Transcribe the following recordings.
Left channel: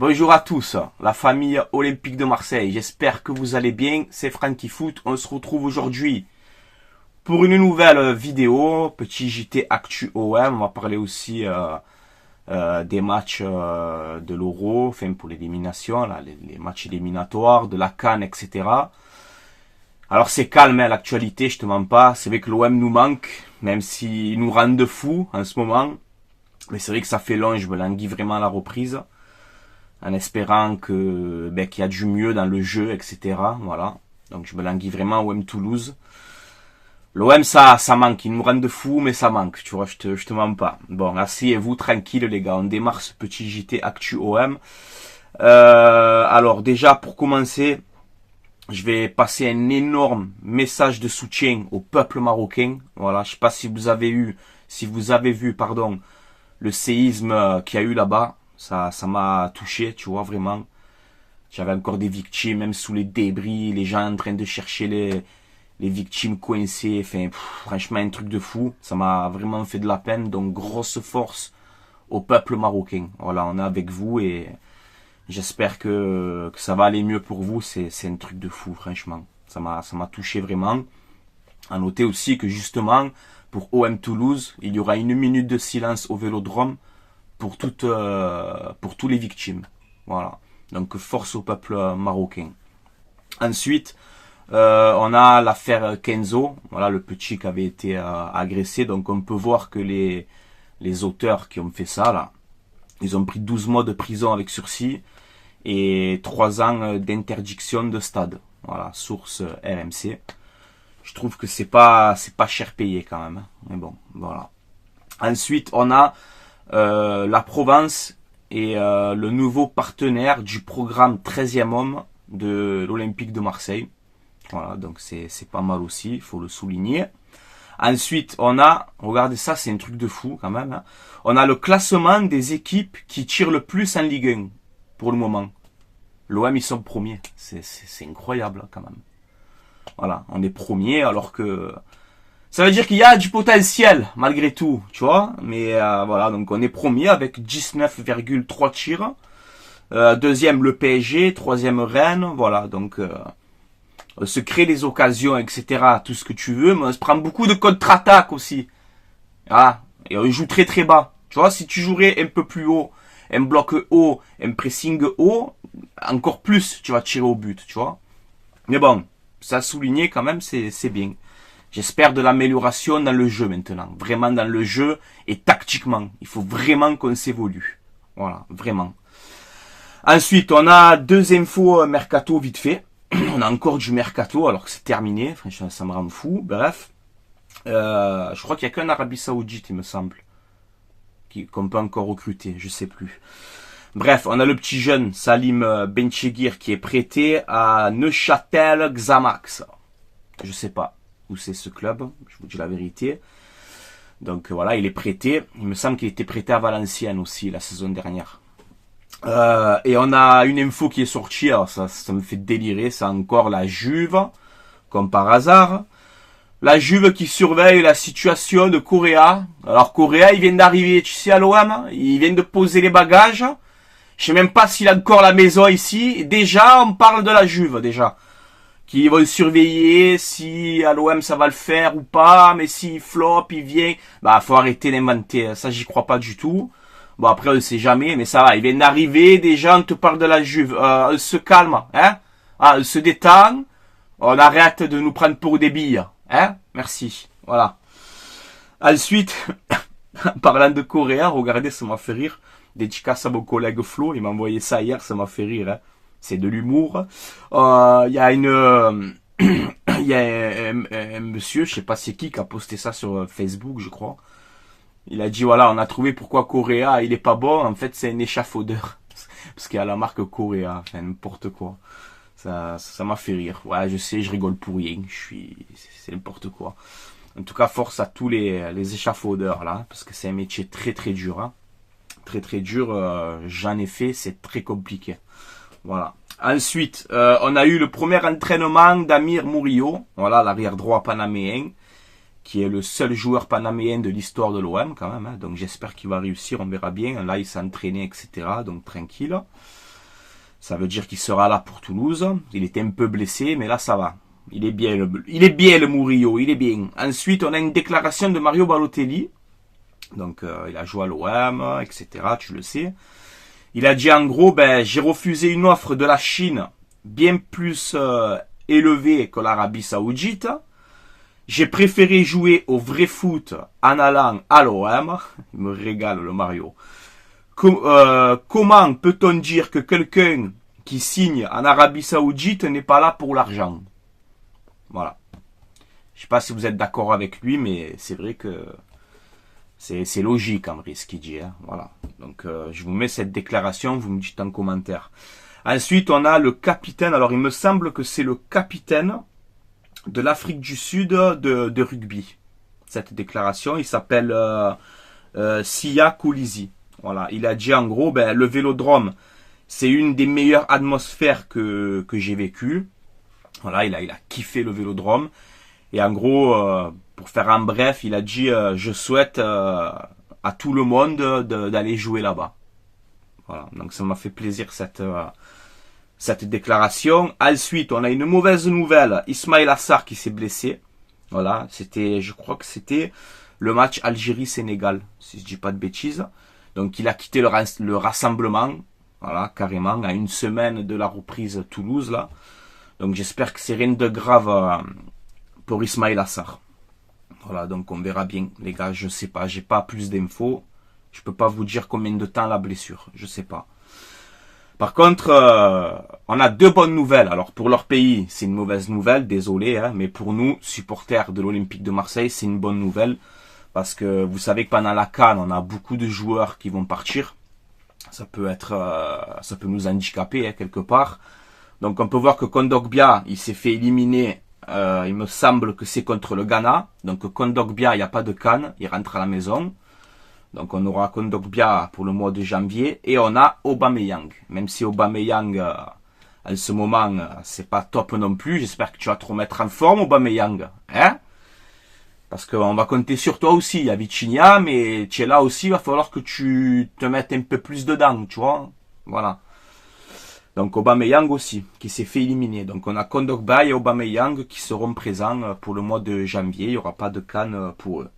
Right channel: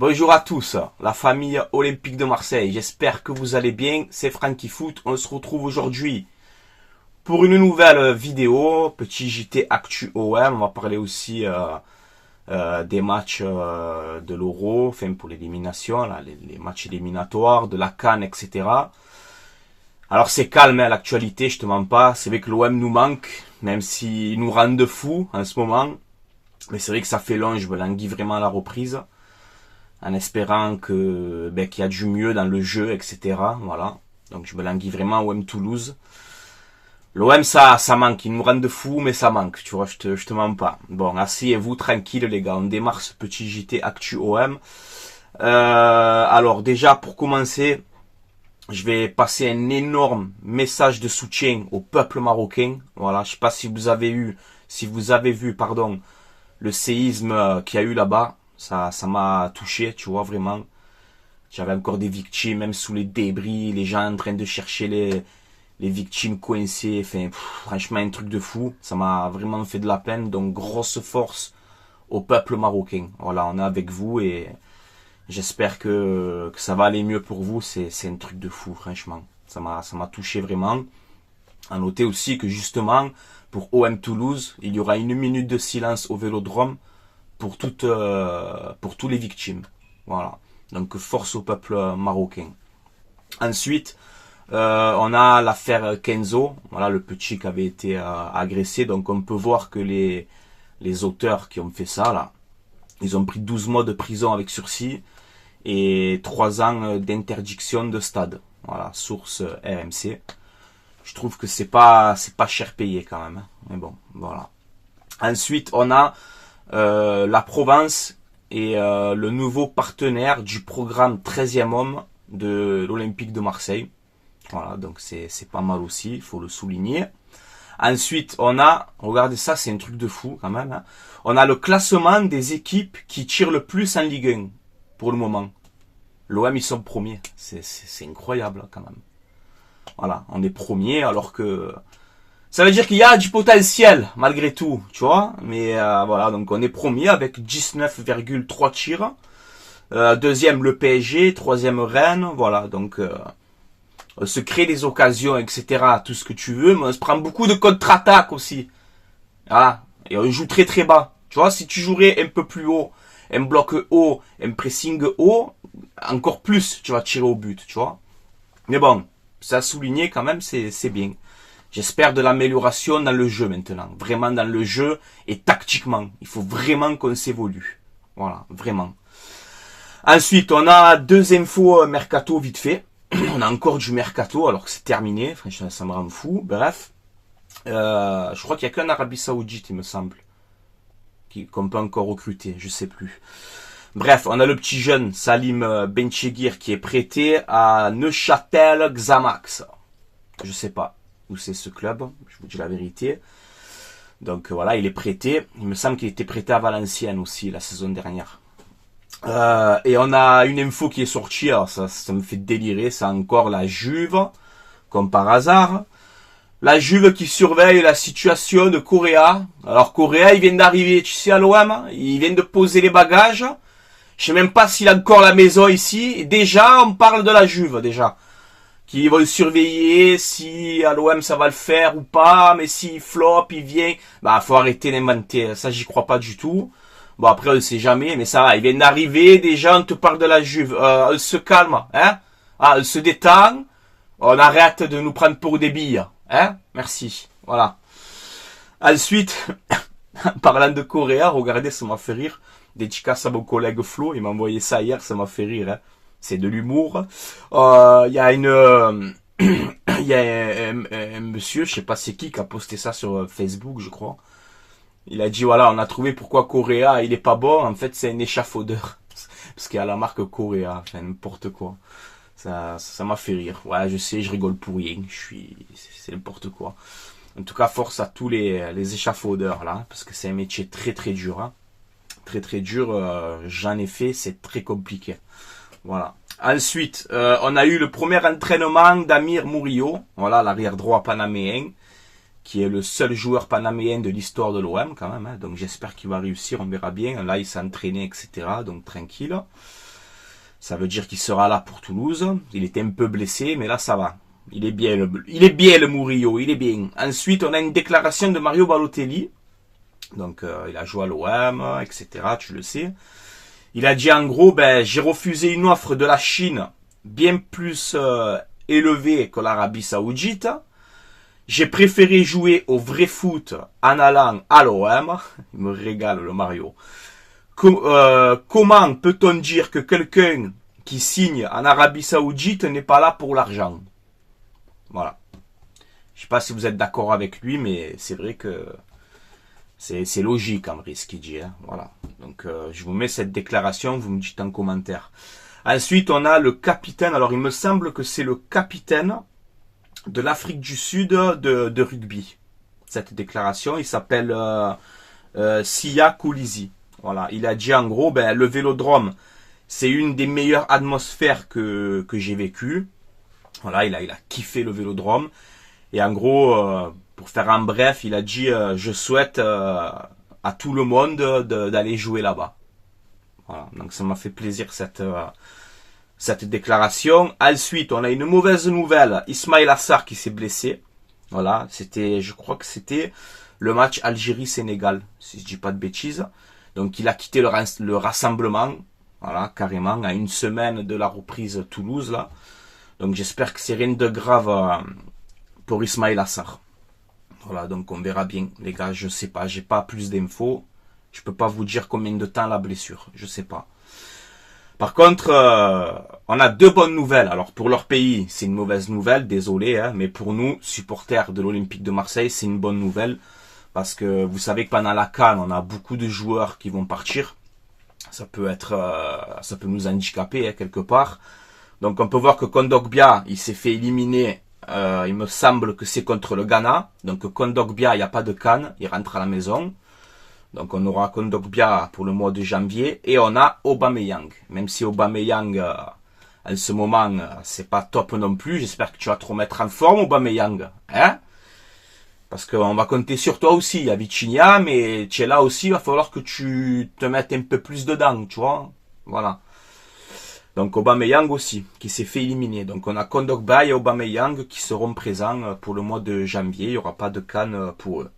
Bonjour à tous, la famille olympique de Marseille. J'espère que vous allez bien. C'est Francky Foot. On se retrouve aujourd'hui pour une nouvelle vidéo. Petit JT Actu OM. On va parler aussi des matchs de l'Euro, enfin pour l'élimination, les matchs éliminatoires, de la CAN, etc. Alors c'est calme, hein, l'actualité, je te mens pas. C'est vrai que l'OM nous manque, même s'ils nous rendent fous en ce moment. Mais c'est vrai que ça fait long, je me languis vraiment à la reprise. En espérant qu'il y a du mieux dans le jeu, etc. Voilà. Donc je me languis vraiment OM Toulouse. L'OM, ça manque. Ils nous rendent fous, mais ça manque. Tu vois, je te mens pas. Bon, asseyez-vous tranquille, les gars. On démarre ce petit JT Actu OM. Alors, déjà, pour commencer, je vais passer un énorme message de soutien au peuple marocain. Voilà. Je sais pas si vous avez vu, le séisme qu'il y a eu là-bas. Ça m'a touché, tu vois, vraiment. J'avais encore des victimes, même sous les débris, les gens en train de chercher les victimes coincées. Enfin, franchement, un truc de fou. Ça m'a vraiment fait de la peine. Donc, grosse force au peuple marocain. Voilà, on est avec vous et j'espère que ça va aller mieux pour vous. C'est un truc de fou, franchement. Ça m'a touché vraiment. À noter aussi que justement, pour OM Toulouse, il y aura 1 minute de silence au Vélodrome pour tous les victimes. Voilà. Donc force au peuple marocain. Ensuite, on a l'affaire Kenzo, voilà, le petit qui avait été agressé. Donc on peut voir que les auteurs qui ont fait ça, là, ils ont pris 12 mois de prison avec sursis et 3 ans d'interdiction de stade. Voilà, source RMC. Je trouve que c'est pas cher payé quand même. Hein. Mais bon, voilà. Ensuite, on a la Provence est le nouveau partenaire du programme 13e homme de l'Olympique de Marseille. Voilà, donc c'est pas mal aussi, il faut le souligner. Ensuite, on a, regardez ça, c'est un truc de fou quand même. Hein. On a le classement des équipes qui tirent le plus en Ligue 1 pour le moment. L'OM, ils sont premiers. C'est incroyable quand même. Voilà, on est premiers alors que... Ça veut dire qu'il y a du potentiel, malgré tout, tu vois. Mais voilà, donc on est premier avec 19,3 tirs. Deuxième, le PSG. Troisième, Rennes. Voilà, donc on se crée des occasions, etc. Tout ce que tu veux, mais on se prend beaucoup de contre-attaque aussi. Ah, et on joue très très bas. Tu vois, si tu jouerais un peu plus haut, un bloc haut, un pressing haut, encore plus, tu vas tirer au but, tu vois. Mais bon, ça a souligné quand même, c'est bien. J'espère de l'amélioration dans le jeu maintenant. Vraiment dans le jeu et tactiquement. Il faut vraiment qu'on s'évolue. Voilà, vraiment. Ensuite, on a 2 infos mercato vite fait. On a encore du mercato alors que c'est terminé. Franchement, ça me rend fou. Bref. Je crois qu'il n'y a qu'un Arabie Saoudite, il me semble. Qu'on peut encore recruter. Je sais plus. Bref, on a le petit jeune Salim Benchegir qui est prêté à Neuchâtel Xamax. Je sais pas où c'est ce club, je vous dis la vérité. Donc voilà, il est prêté. Il me semble qu'il était prêté à Valenciennes aussi la saison dernière. Et on a une info qui est sortie, alors ça me fait délirer, c'est encore la Juve, comme par hasard. La Juve qui surveille la situation de Correa. Alors Correa, il vient d'arriver, tu sais, à l'OM, il vient de poser les bagages. Je sais même pas s'il a encore la maison ici. Et déjà, on parle de la Juve, déjà. Qui vont surveiller si à l'OM ça va le faire ou pas, mais s'il flop, il vient, faut arrêter d'inventer, ça j'y crois pas du tout. Bon après on ne sait jamais, mais ça va, il vient d'arriver, déjà on te parle de la Juve, on se calme, hein, on se détend, on arrête de nous prendre pour des billes, hein, merci, voilà. Ensuite, en parlant de Correa, regardez, ça m'a fait rire, dédicace à mon collègue Flo, il m'a envoyé ça hier, ça m'a fait rire, hein. C'est de l'humour. Il y a il y a un monsieur, je sais pas c'est qui a posté ça sur Facebook, je crois. Il a dit voilà, on a trouvé pourquoi Correa il est pas bon. En fait, c'est un échafaudeur parce qu'il y a la marque Correa, enfin n'importe quoi. Ça m'a fait rire. Ouais, je sais, je rigole pour rien. C'est n'importe quoi. En tout cas, force à tous les échafaudeurs là, parce que c'est un métier très très dur. Hein. Très très dur. J'en ai fait, c'est très compliqué. Voilà. Ensuite, on a eu le premier entraînement d'Amir Murillo, voilà, l'arrière droit panaméen, qui est le seul joueur panaméen de l'histoire de l'OM quand même. Hein, donc j'espère qu'il va réussir, on verra bien. Là, il s'est entraîné, etc. Donc tranquille. Ça veut dire qu'il sera là pour Toulouse. Il était un peu blessé, mais là ça va. Il est bien le Murillo, il est bien. Ensuite, on a une déclaration de Mario Balotelli. Donc, il a joué à l'OM, etc. Tu le sais. Il a dit en gros, j'ai refusé une offre de la Chine bien plus élevée que l'Arabie Saoudite. J'ai préféré jouer au vrai foot en allant à l'OM. Il me régale le Mario. Comment peut-on dire que quelqu'un qui signe en Arabie Saoudite n'est pas là pour l'argent? Voilà. Je sais pas si vous êtes d'accord avec lui, mais c'est vrai que c'est logique en vrai ce qu'il dit. Hein. Voilà. Donc je vous mets cette déclaration, vous me dites en commentaire. Ensuite, on a le capitaine. Alors il me semble que c'est le capitaine de l'Afrique du Sud de rugby. Cette déclaration, il s'appelle Siya Kolisi. Voilà, il a dit en gros, le vélodrome, c'est une des meilleures atmosphères que j'ai vécues. Voilà, il a kiffé le vélodrome. Et en gros, pour faire en bref, il a dit, je souhaite à tout le monde d'aller jouer là-bas. Voilà, donc ça m'a fait plaisir cette déclaration. Ensuite, on a une mauvaise nouvelle. Ismaïla Sarr qui s'est blessé. Voilà, je crois que c'était le match Algérie-Sénégal, si je dis pas de bêtises. Donc il a quitté le rassemblement, voilà, carrément, à une semaine de la reprise Toulouse, là. Donc j'espère que c'est rien de grave pour Ismaïla Sarr. Voilà, donc on verra bien, les gars, je sais pas, j'ai pas plus d'infos. Je peux pas vous dire combien de temps la blessure, je sais pas. Par contre, on a deux bonnes nouvelles. Alors pour leur pays, c'est une mauvaise nouvelle, désolé, hein, mais pour nous, supporters de l'Olympique de Marseille, c'est une bonne nouvelle. Parce que vous savez que pendant la CAN, on a beaucoup de joueurs qui vont partir. Ça peut nous handicaper hein, quelque part. Donc on peut voir que Kondogbia, il s'est fait éliminer. Il me semble que c'est contre le Ghana. Donc Kondogbia, il n'y a pas de CAN, il rentre à la maison. Donc on aura Kondogbia pour le mois de janvier. Et on a Aubameyang. Même si Aubameyang, en ce moment, c'est pas top non plus. J'espère que tu vas te remettre en forme, Aubameyang. Hein? Parce qu'on va compter sur toi aussi. Il y a Vitinha, mais tu es là aussi. Il va falloir que tu te mettes un peu plus dedans, tu vois. Voilà. Donc Aubameyang aussi, qui s'est fait éliminer. Donc on a Kondogbia et Aubameyang qui seront présents pour le mois de janvier. Il n'y aura pas de CAN pour eux.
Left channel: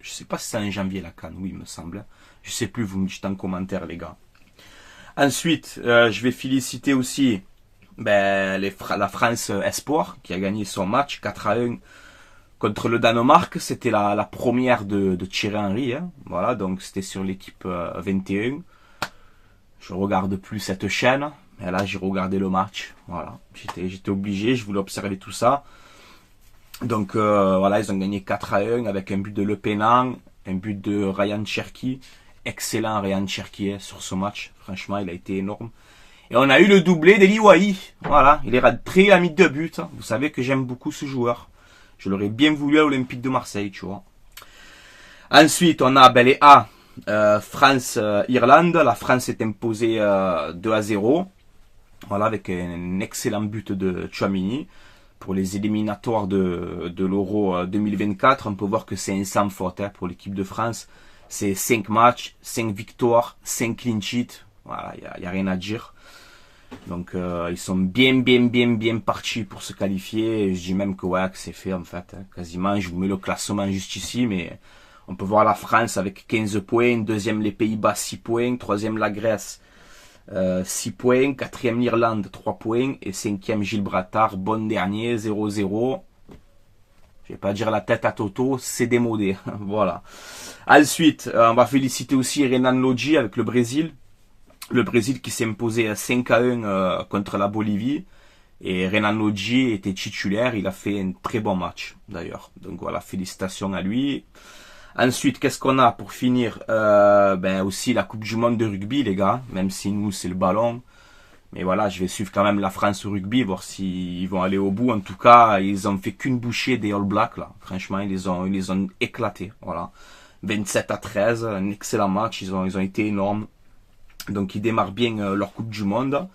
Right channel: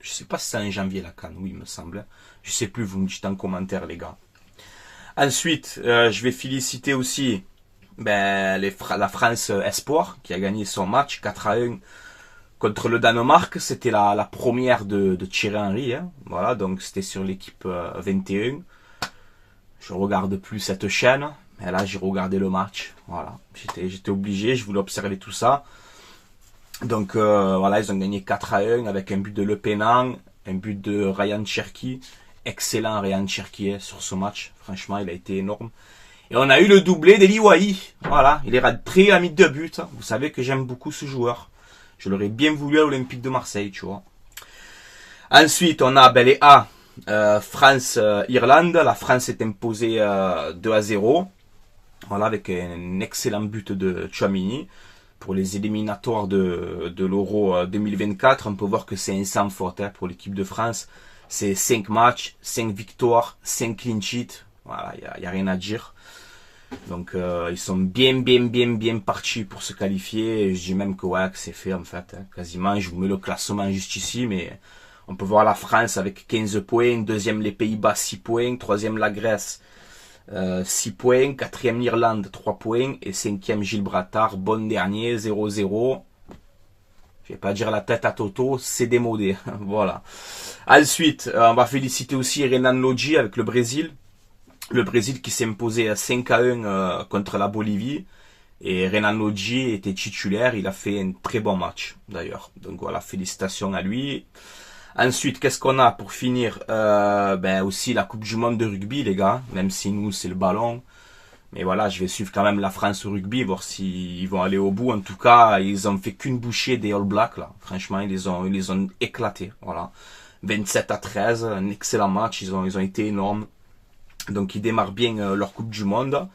Je sais pas si c'est en janvier la CAN, oui, il me semble. Je sais plus, vous me dites en commentaire, les gars. Ensuite, je vais féliciter aussi la France Espoir, qui a gagné son match 4-1. Contre le Danemark, c'était la première de Thierry Henry. Hein. Voilà, donc c'était sur l'équipe 21. Je regarde plus cette chaîne. Mais là, j'ai regardé le match. Voilà, j'étais obligé, je voulais observer tout ça. Donc voilà, ils ont gagné 4-1 avec un but de Le Penang, un but de Ryan Cherki. Excellent Ryan Cherki hein, sur ce match. Franchement, il a été énorme. Et on a eu le doublé d'Eli Wahi. Voilà, il est rentré à mis 2 buts. Vous savez que j'aime beaucoup ce joueur. Je l'aurais bien voulu à l'Olympique de Marseille, tu vois. Ensuite, on a les A. France-Irlande. La France est imposée 2-0. Voilà, avec un excellent but de Tchouaméni. Pour les éliminatoires de l'Euro 2024, on peut voir que c'est un sans faute hein, pour l'équipe de France. C'est 5 matchs, 5 victoires, 5 clean sheets. Voilà, il n'y a rien à dire. Donc ils sont bien partis pour se qualifier. Je dis même que ouais, que c'est fait en fait. Hein, quasiment, je vous mets le classement juste ici, mais on peut voir la France avec 15 points, deuxième les Pays-Bas 6 points, troisième la Grèce 6 points, quatrième l'Irlande 3 points et cinquième Gibraltar, bon dernier 0-0. Je vais pas dire la tête à Toto, c'est démodé. Voilà. Ensuite, on va féliciter aussi Renan Lodji avec le Brésil. Le Brésil qui s'est imposé 5-1 contre la Bolivie. Et Renan Lodji était titulaire. Il a fait un très bon match d'ailleurs. Donc voilà, félicitations à lui. Ensuite, qu'est-ce qu'on a pour finir aussi la Coupe du Monde de rugby, les gars. Même si nous, c'est le ballon. Mais voilà, je vais suivre quand même la France au rugby, voir s'ils vont aller au bout. En tout cas, ils ont fait qu'une bouchée des All Blacks, là. Franchement, ils les ont éclatés. Voilà. 27-13, un excellent match. Ils ont été énormes. Donc, ils démarrent bien leur Coupe du Monde.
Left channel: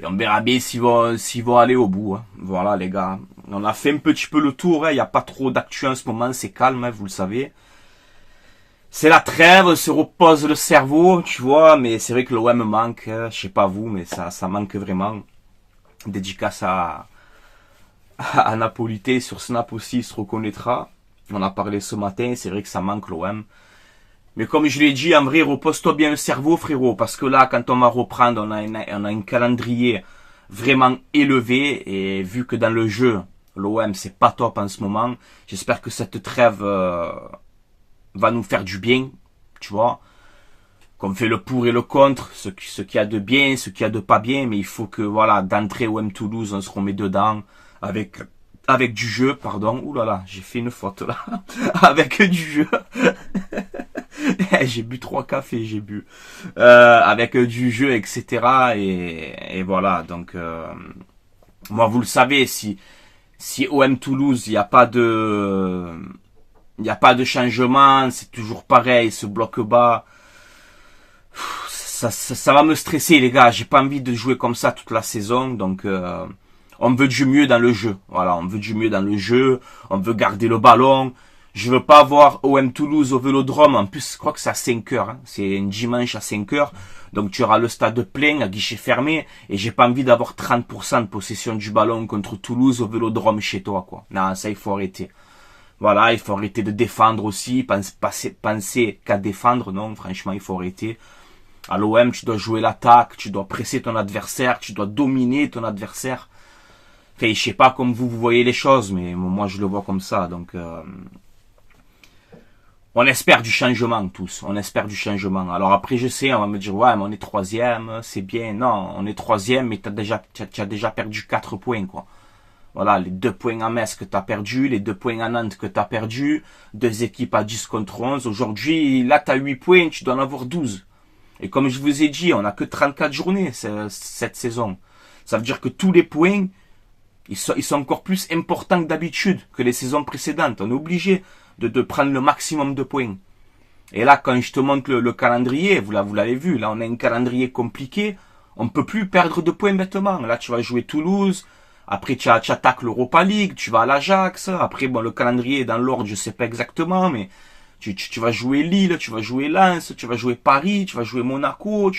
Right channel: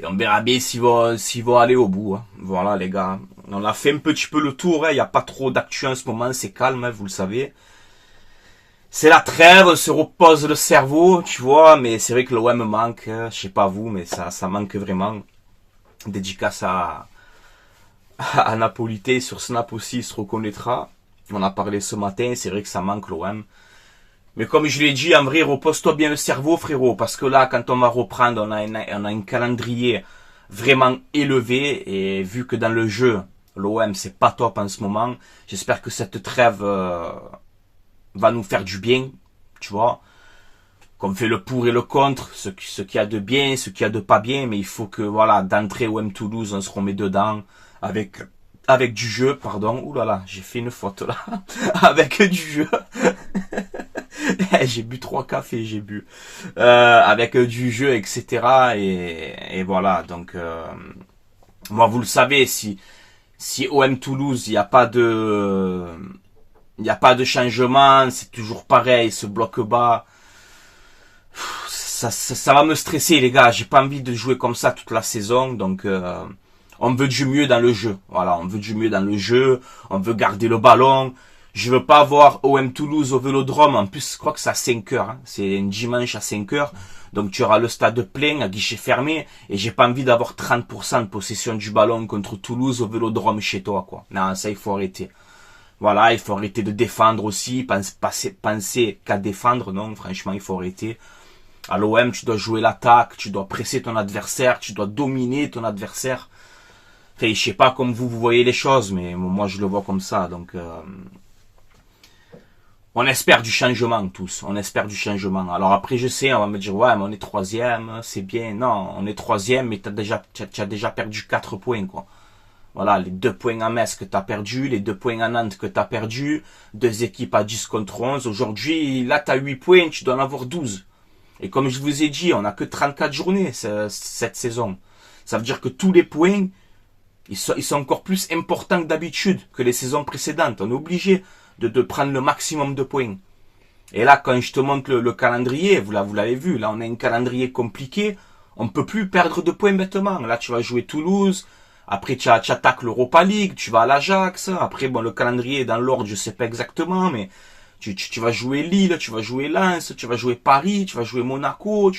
Et on verra bien s'ils vont aller au bout. Hein. Voilà, les gars. On a fait un petit peu le tour. Il n'y a pas trop d'actu en ce moment. C'est calme, hein, vous le savez. c'est la trêve, on se repose le cerveau, tu vois, mais c'est vrai que l'OM manque, je sais pas vous, mais ça manque vraiment. Dédicace à Napolité, sur Snap aussi, il se reconnaîtra. On a parlé ce matin, c'est vrai que ça manque l'OM. Mais comme je l'ai dit, en vrai, repose-toi bien le cerveau, frérot, parce que là, quand on va reprendre, on a un calendrier vraiment élevé, et vu que dans le jeu, l'OM, c'est pas top en ce moment, j'espère que cette trêve va nous faire du bien, tu vois, qu'on fait le pour et le contre, ce qu'il y a de bien, ce qu'il y a de pas bien, mais il faut que, voilà, d'entrée OM Toulouse, on se remet dedans, avec du jeu, pardon, ouh là là, j'ai fait une faute là, avec du jeu, j'ai bu 3 cafés, j'ai bu, avec du jeu, etc., et voilà, donc, moi, vous le savez, si OM Toulouse, il n'y a pas de changement, c'est toujours pareil, ce bloc bas, ça va me stresser, les gars. J'ai pas envie de jouer comme ça toute la saison, donc on veut du mieux dans le jeu. Voilà, on veut du mieux dans le jeu, on veut garder le ballon. Je veux pas voir OM Toulouse au Vélodrome. En plus, je crois que c'est à 5 heures. Hein. C'est un dimanche à 5 heures. Donc tu auras le stade plein, à guichet fermé. Et j'ai pas envie d'avoir 30% de possession du ballon contre Toulouse au Vélodrome chez toi, quoi. Non, ça, il faut arrêter. Voilà, il faut arrêter de défendre aussi. Penser qu'à défendre, non, franchement, il faut arrêter. À l'OM, tu dois jouer l'attaque, tu dois presser ton adversaire, tu dois dominer ton adversaire. Enfin, je sais pas comme vous voyez les choses, mais moi je le vois comme ça. Donc, on espère du changement tous. On espère du changement. Alors après, je sais, on va me dire, ouais, mais on est troisième, c'est bien. Non, on est troisième, mais tu as déjà perdu 4 points, quoi. Voilà, les 2 points à Metz que tu as perdu, les 2 points à Nantes que tu as perdu, 2 équipes à 10 contre 11. Aujourd'hui, là, tu as 8 points, tu dois en avoir 12. Et comme je vous ai dit, on n'a que 34 journées cette saison. Ça veut dire que tous les points, ils sont encore plus importants que d'habitude, que les saisons précédentes. On est obligé de prendre le maximum de points. Et là, quand je te montre le calendrier, vous l'avez vu, là on a un calendrier compliqué, on ne peut plus perdre de points bêtement. Là, tu vas jouer Toulouse, après tu attaques l'Europa League, tu vas à l'Ajax, après bon, le calendrier est dans l'ordre, je sais pas exactement, mais tu vas jouer Lille, tu vas jouer Lens, tu vas jouer Paris, tu vas jouer Monaco,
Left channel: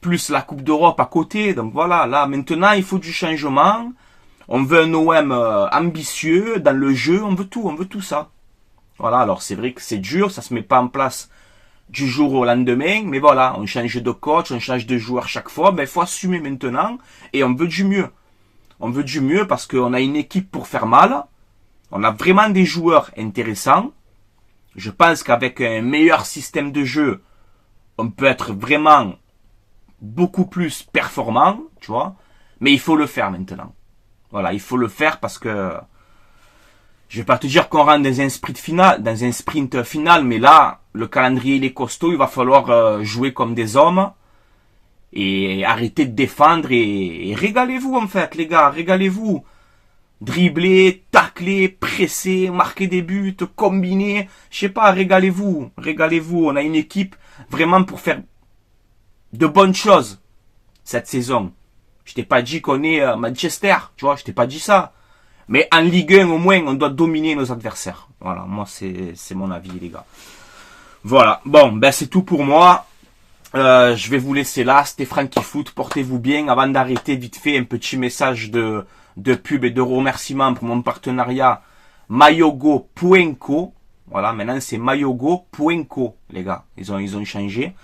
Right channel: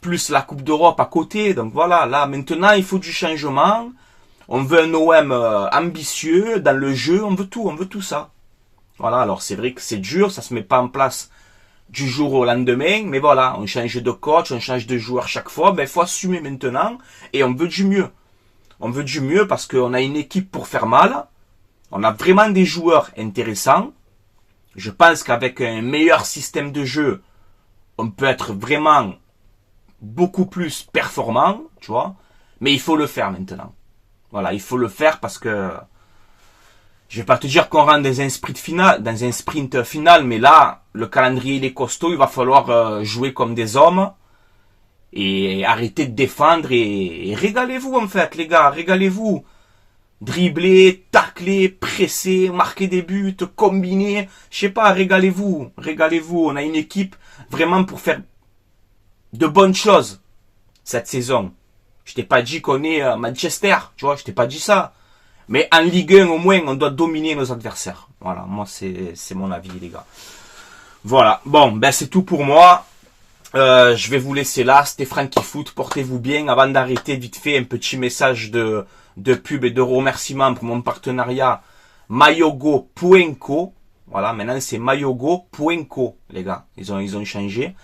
plus la Coupe d'Europe à côté. Donc voilà, là maintenant il faut du changement. On veut un OM ambitieux dans le jeu, on veut tout ça. Voilà, alors c'est vrai que c'est dur, ça se met pas en place du jour au lendemain, mais voilà, on change de coach, on change de joueur chaque fois, ben il faut assumer maintenant et on veut du mieux. On veut du mieux parce qu'on a une équipe pour faire mal, on a vraiment des joueurs intéressants. Je pense qu'avec un meilleur système de jeu, on peut être vraiment beaucoup plus performant, tu vois. Mais il faut le faire maintenant. Voilà, il faut le faire parce que je vais pas te dire qu'on rentre dans un sprint final, mais là, le calendrier il est costaud, il va falloir jouer comme des hommes et arrêter de défendre et régalez-vous en fait, les gars, régalez-vous. Dribbler, tacler, presser, marquer des buts, combiner, je sais pas, régalez-vous, régalez-vous. On a une équipe vraiment pour faire de bonnes choses cette saison. Je t'ai pas dit qu'on est Manchester, tu vois, je t'ai pas dit ça. Mais en Ligue 1 au moins, on doit dominer nos adversaires. Voilà, moi c'est mon avis les gars. Voilà, bon, ben c'est tout pour moi. Je vais vous laisser là, c'était Franky Foot, portez-vous bien. Avant d'arrêter, vite fait, un petit message de pub et de remerciement pour mon partenariat mayogo.co. Voilà, maintenant c'est mayogo.co, les gars. Ils ont changé.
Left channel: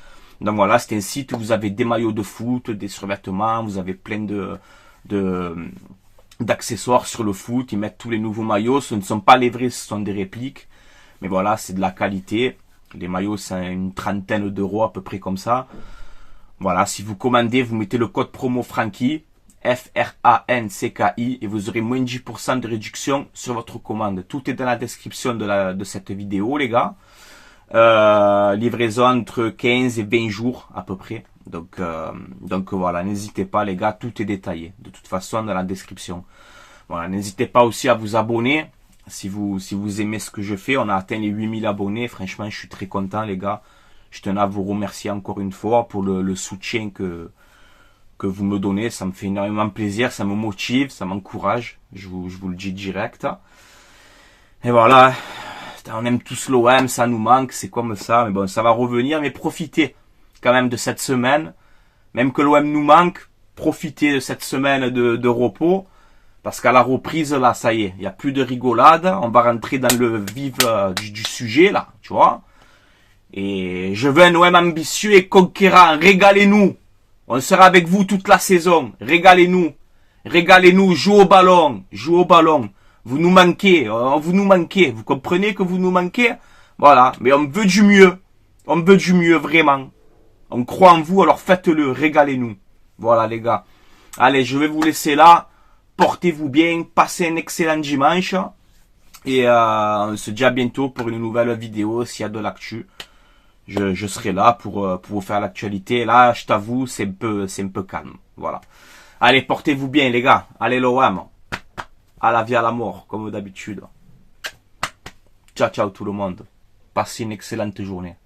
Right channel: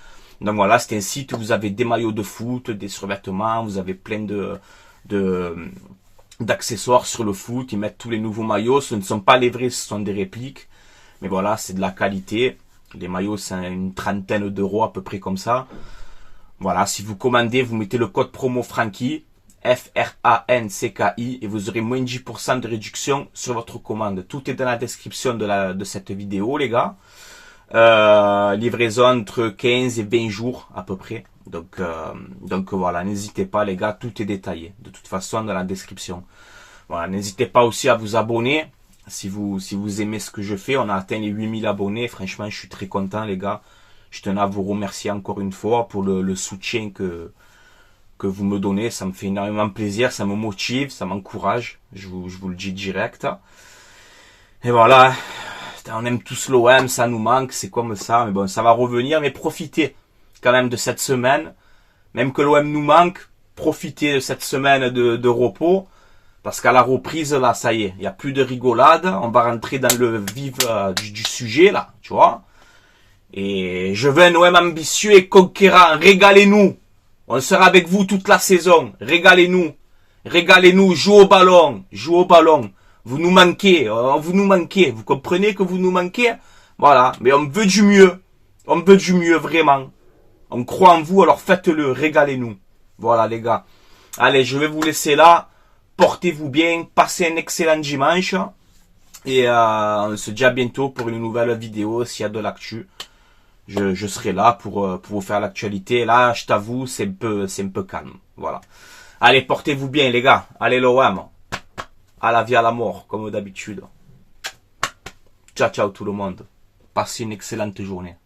Donc voilà, c'est un site où vous avez des maillots de foot, des survêtements, vous avez plein d'accessoires sur le foot. Ils mettent tous les nouveaux maillots. Ce ne sont pas les vrais, ce sont des répliques. Mais voilà, c'est de la qualité. Les maillots, c'est une trentaine d'euros à peu près comme ça. Voilà, si vous commandez, vous mettez le code promo Franky, FRANCKI, et vous aurez moins 10% de réduction sur votre commande. Tout est dans la description de cette vidéo, les gars. Livraison entre 15 et 20 jours à peu près. Donc voilà, n'hésitez pas, les gars, tout est détaillé. De toute façon, dans la description. Voilà, n'hésitez pas aussi à vous abonner. Si vous aimez ce que je fais, on a atteint les 8000 abonnés. Franchement, je suis très content, les gars. Je tenais à vous remercier encore une fois pour le soutien que vous me donnez. Ça me fait énormément plaisir, ça me motive, ça m'encourage. Je vous le dis direct. Et voilà. On aime tous l'OM, ça nous manque, c'est comme ça. Mais bon, ça va revenir. Mais profitez quand même de cette semaine. Même que l'OM nous manque, profitez de cette semaine de repos. Parce qu'à la reprise, là, ça y est, il n'y a plus de rigolade. On va rentrer dans le vif du sujet, là, tu vois. Et je veux un OM ambitieux et conquérant. Régalez-nous. On sera avec vous toute la saison. Régalez-nous. Régalez-nous. Jouez au ballon. Jouez au ballon. Vous nous manquez. Vous nous manquez. Vous comprenez que vous nous manquez? Voilà. Mais on veut du mieux. On veut du mieux, vraiment. On croit en vous, alors faites-le. Régalez-nous. Voilà, les gars. Allez, je vais vous laisser là. Portez-vous bien. Passez un excellent dimanche. Et on se dit à bientôt pour une nouvelle vidéo s'il y a de l'actu. Je serai là pour vous faire l'actualité. Là, je t'avoue, c'est un peu calme. Voilà. Allez, portez-vous bien, les gars. Allez, l'OM. À la vie, à la mort, comme d'habitude. Ciao, ciao tout le monde. Passez une excellente journée.